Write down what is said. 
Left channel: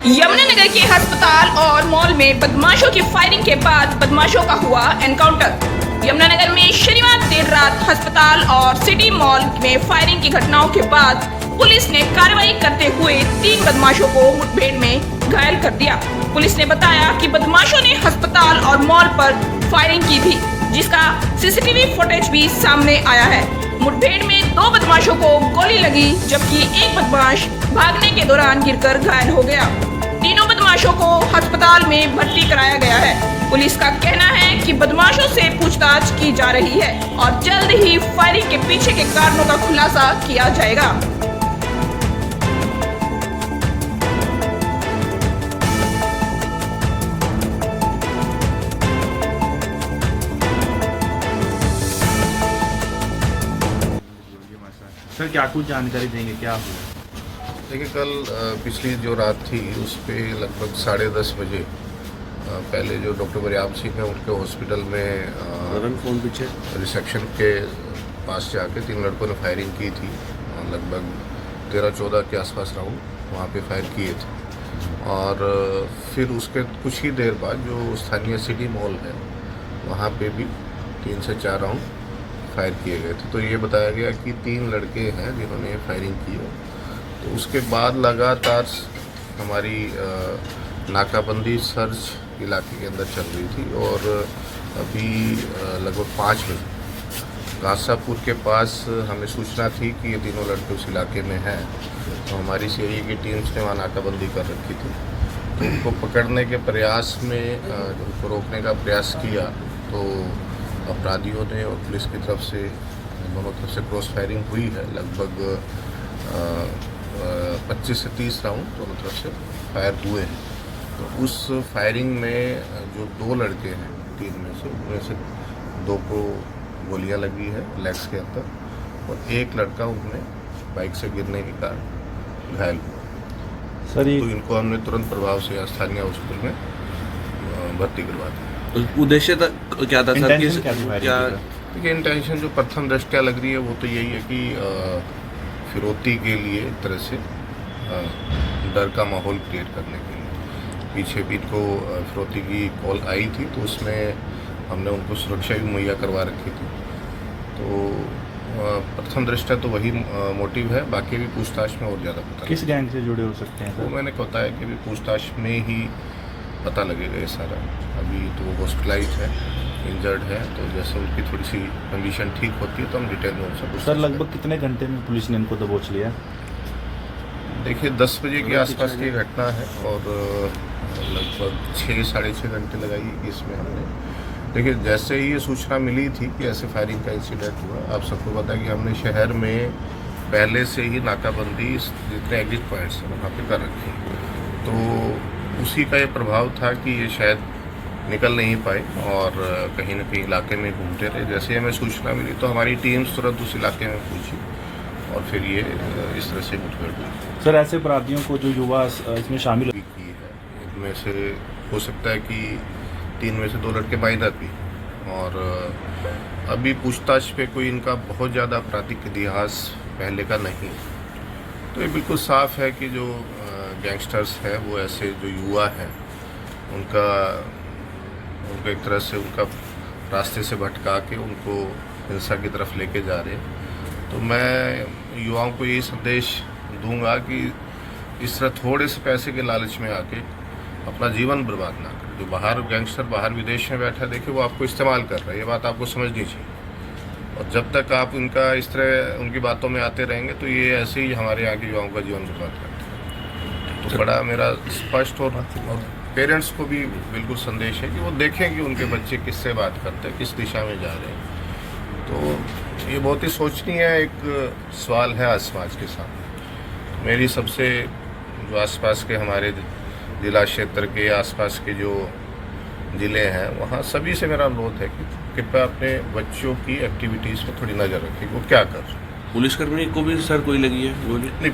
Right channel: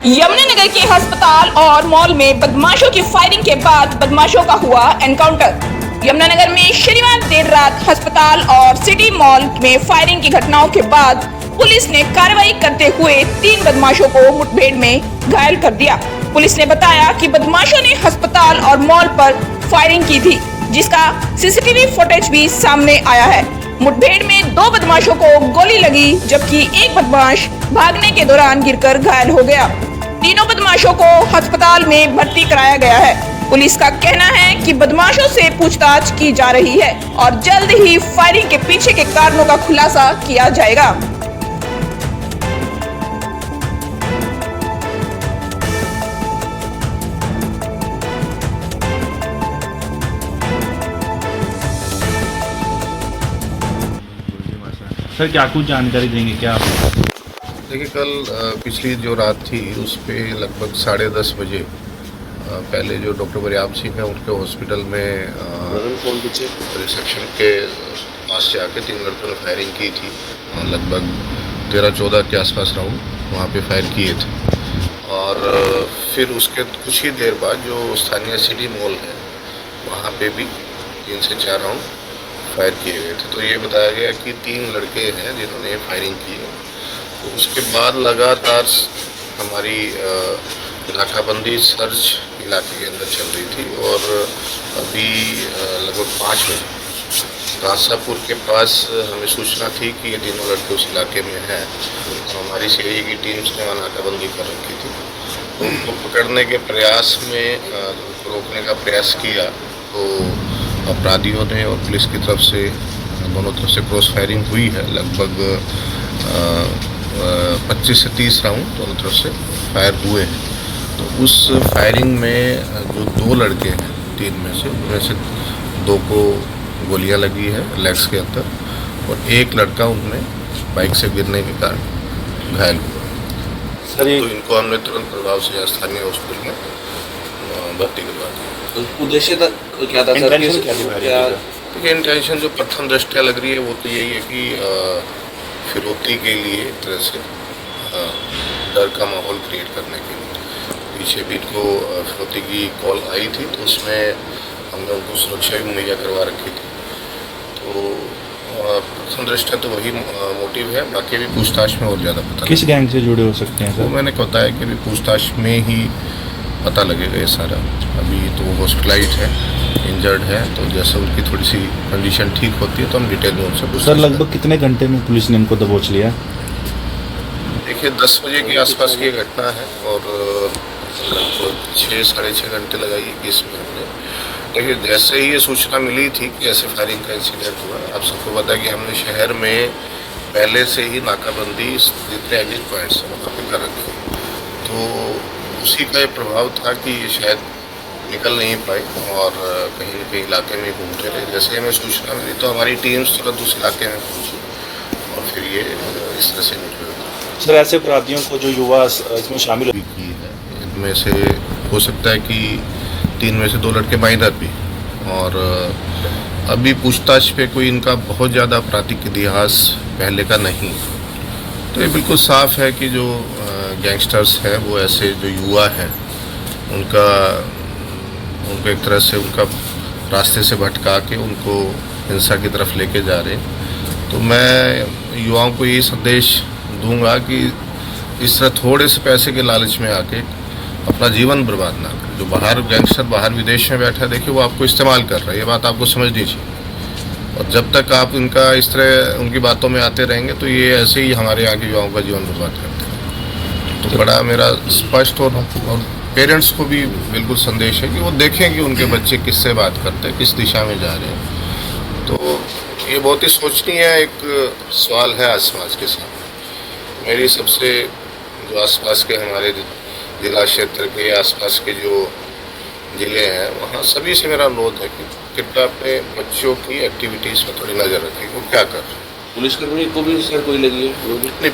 यमुनानगर के अस्पताल और मॉल में बदमाशों की फायरिंग के बाद बदमाशों का हुआ एनकाउंटर। यमुनानगर में शनिवार देर रात अस्पताल और सिटी मॉल में फायरिंग की घटनाओं के बाद पुलिस ने कार्रवाई करते हुए 3 बदमाशों को मुठभेड़ में घायल कर दिया। पुलिस ने बताया कि बदमाशों ने अस्पताल और मॉल पर फायरिंग की थी, जिसका सीसीटीवी फुटेज भी सामने आया है। मुठभेड़ में 2 बदमाशों को गोली लगी, जबकि एक बदमाश भागने के दौरान गिरकर घायल हो गया। तीनों बदमाशों को अस्पताल में भर्ती कराया गया है। पुलिस का कहना है कि बदमाशों से पूछताछ की जा रही है और जल्द ही फायरिंग के पीछे के कारणों का खुलासा किया जाएगा। सर क्या कुछ जानकारी देंगे क्या आप? देखिए, कल पिछली जो रात थी उस पे लगभग 10:30 बजे पहले जो डॉक्टर बरियाम सिंह है उनके हॉस्पिटल में रिसेप्शन के पास से आके 3 लड़कों ने फायरिंग की थी। लगभग 13-14 के आसपास राउंड वहाँ पे फायर किए थे और फिर उसके कुछ ही देर बाद जो स्थानीय सिटी मॉल है वहाँ पे भी 3 से 4 राउंड फायर किए गए थे। तो ये बताया गया कि 3 लड़के हैं जिन्होंने फायरिंग की है। तो उसके बाद लगातार हमारी नाकाबंदी सर्च इलाके के अंदर चल रही थी और अभी लगभग 5 बजे कासापुर के पास हमें सूचना थी कि ये तीनों लड़के उस इलाके में हैं। तो हमारी सीआईए की टीम्स ने वहाँ नाकाबंदी कर रखी थी। तो उनको पकड़ने के प्रयास में उनको रोकने का प्रयास किया तो अपराधियों ने और पुलिस की तरफ से दोनों तरफ से क्रॉस फायरिंग हुई है। लगभग 25 से 30 राउंड दोनों तरफ से फायर हुए हैं। तो उस फायरिंग में जो 2 लड़के हैं 3 में से, उनमें से 2 को गोलियां लगी है लेग्स के अंदर और एक लड़का उनमें बाइक से गिरने के कारण घायल हुआ। सर तो इनको हमने तुरंत प्रभाव से स्थानीय हॉस्पिटल में भर्ती करवा दिया। उद्देश्य क्या था सर? क्या देखिए, इंटेंशन जो प्रथम दृष्टया लग रही है वो तो यही है कि फिरौती के लिए एक तरह से डर का माहौल क्रिएट करने के लिए। पीछे भी इनको फिरौती की कॉल आई थी तो उसमें हमने उनको सुरक्षा भी मुहैया करवा रखी थी। तो प्रथम दृष्टया तो वही मोटिव है। बाकी भी पूछताछ में और ज़्यादा पता किस गैंग से जुड़े हो सकते हैं सर? वो मैंने बताया कि अभी पूछताछ में ही पता लगेगा ये सारा। अभी तो हॉस्पिटलाइज है, इंजर्ड है, तो जैसे उनकी थोड़ी सी कंडीशन ठीक होती है तो हम डिटेल में उनसे पूछते हैं। सर लगभग कितने घंटे में पुलिस ने इनको दबोच लिया? देखिए, 10 बजे के आसपास की घटना है और लगभग 6-6.5 घंटे लगाइए कि इसमें हमने। देखिए, जैसे ही ये सूचना मिली थी कि ऐसे फायरिंग का इंसिडेंट हुआ, आप सबको पता है कि हमने शहर में पहले से ही नाकाबंदी जितने एग्जिट पॉइंट्स हैं वहाँ पर कर रखी। तो उसी का ये प्रभाव था कि ये शायद निकल नहीं पाए और कहीं न कहीं इलाके में घूमते रहे। जैसे हमें सूचना मिली तो हमारी टीम्स तुरंत उस इलाके में पहुंची और फिर ये इस तरह से मुठभेड़ हुई। सर ऐसे अपराधियों को जो युवा इसमें शामिल भी की है, इनमें से हो सकता है कि 3 में से 2 लड़के माइनर भी। और अभी पूछताछ पे कोई इनका बहुत ज़्यादा आपराधिक इतिहास पहले का नहीं। तो ये बिल्कुल साफ है कि जो गैंगस्टर्स हैं वो ऐसे जो युवा हैं उनको एक तरह से उनका रास्ते से भटका के उनको हिंसा की तरफ लेके जा रहे हैं। तो मैं युवाओं को यही संदेश दूंगा कि इस तरह थोड़े से पैसे के लालच में आके अपना जीवन बर्बाद ना करें। जो बाहर गैंगस्टर बाहर विदेश में बैठा है, देखिए वो आपको इस्तेमाल कर रहा है, ये बात आपको समझनी चाहिए। और जब तक आप इनका इस तरह उनकी बातों में आते रहेंगे तो ये ऐसे ही हमारे यहाँ के युवाओं का जीवन बर्बाद करते हैं। तो बड़ा मेरा स्पष्ट और पेरेंट्स को भी बिल्कुल संदेश है कि वो देखें कि उनके बच्चे किससे बात करते हैं, किस दिशा में जा रहे हैं। तो ये बहुत ही सोचनीय एक सवाल है आज समाज के सामने। मेरी सबसे जो आसपास के हमारे जिला क्षेत्र के आसपास के जो ज़िले हैं वहाँ सभी से मेरा अनुरोध है कि कृपया अपने बच्चों की एक्टिविटीज़ में थोड़ी नज़र रखें, वो क्या कर रहे हैं। पुलिसकर्मी को भी सर कोई लगी है? नहीं,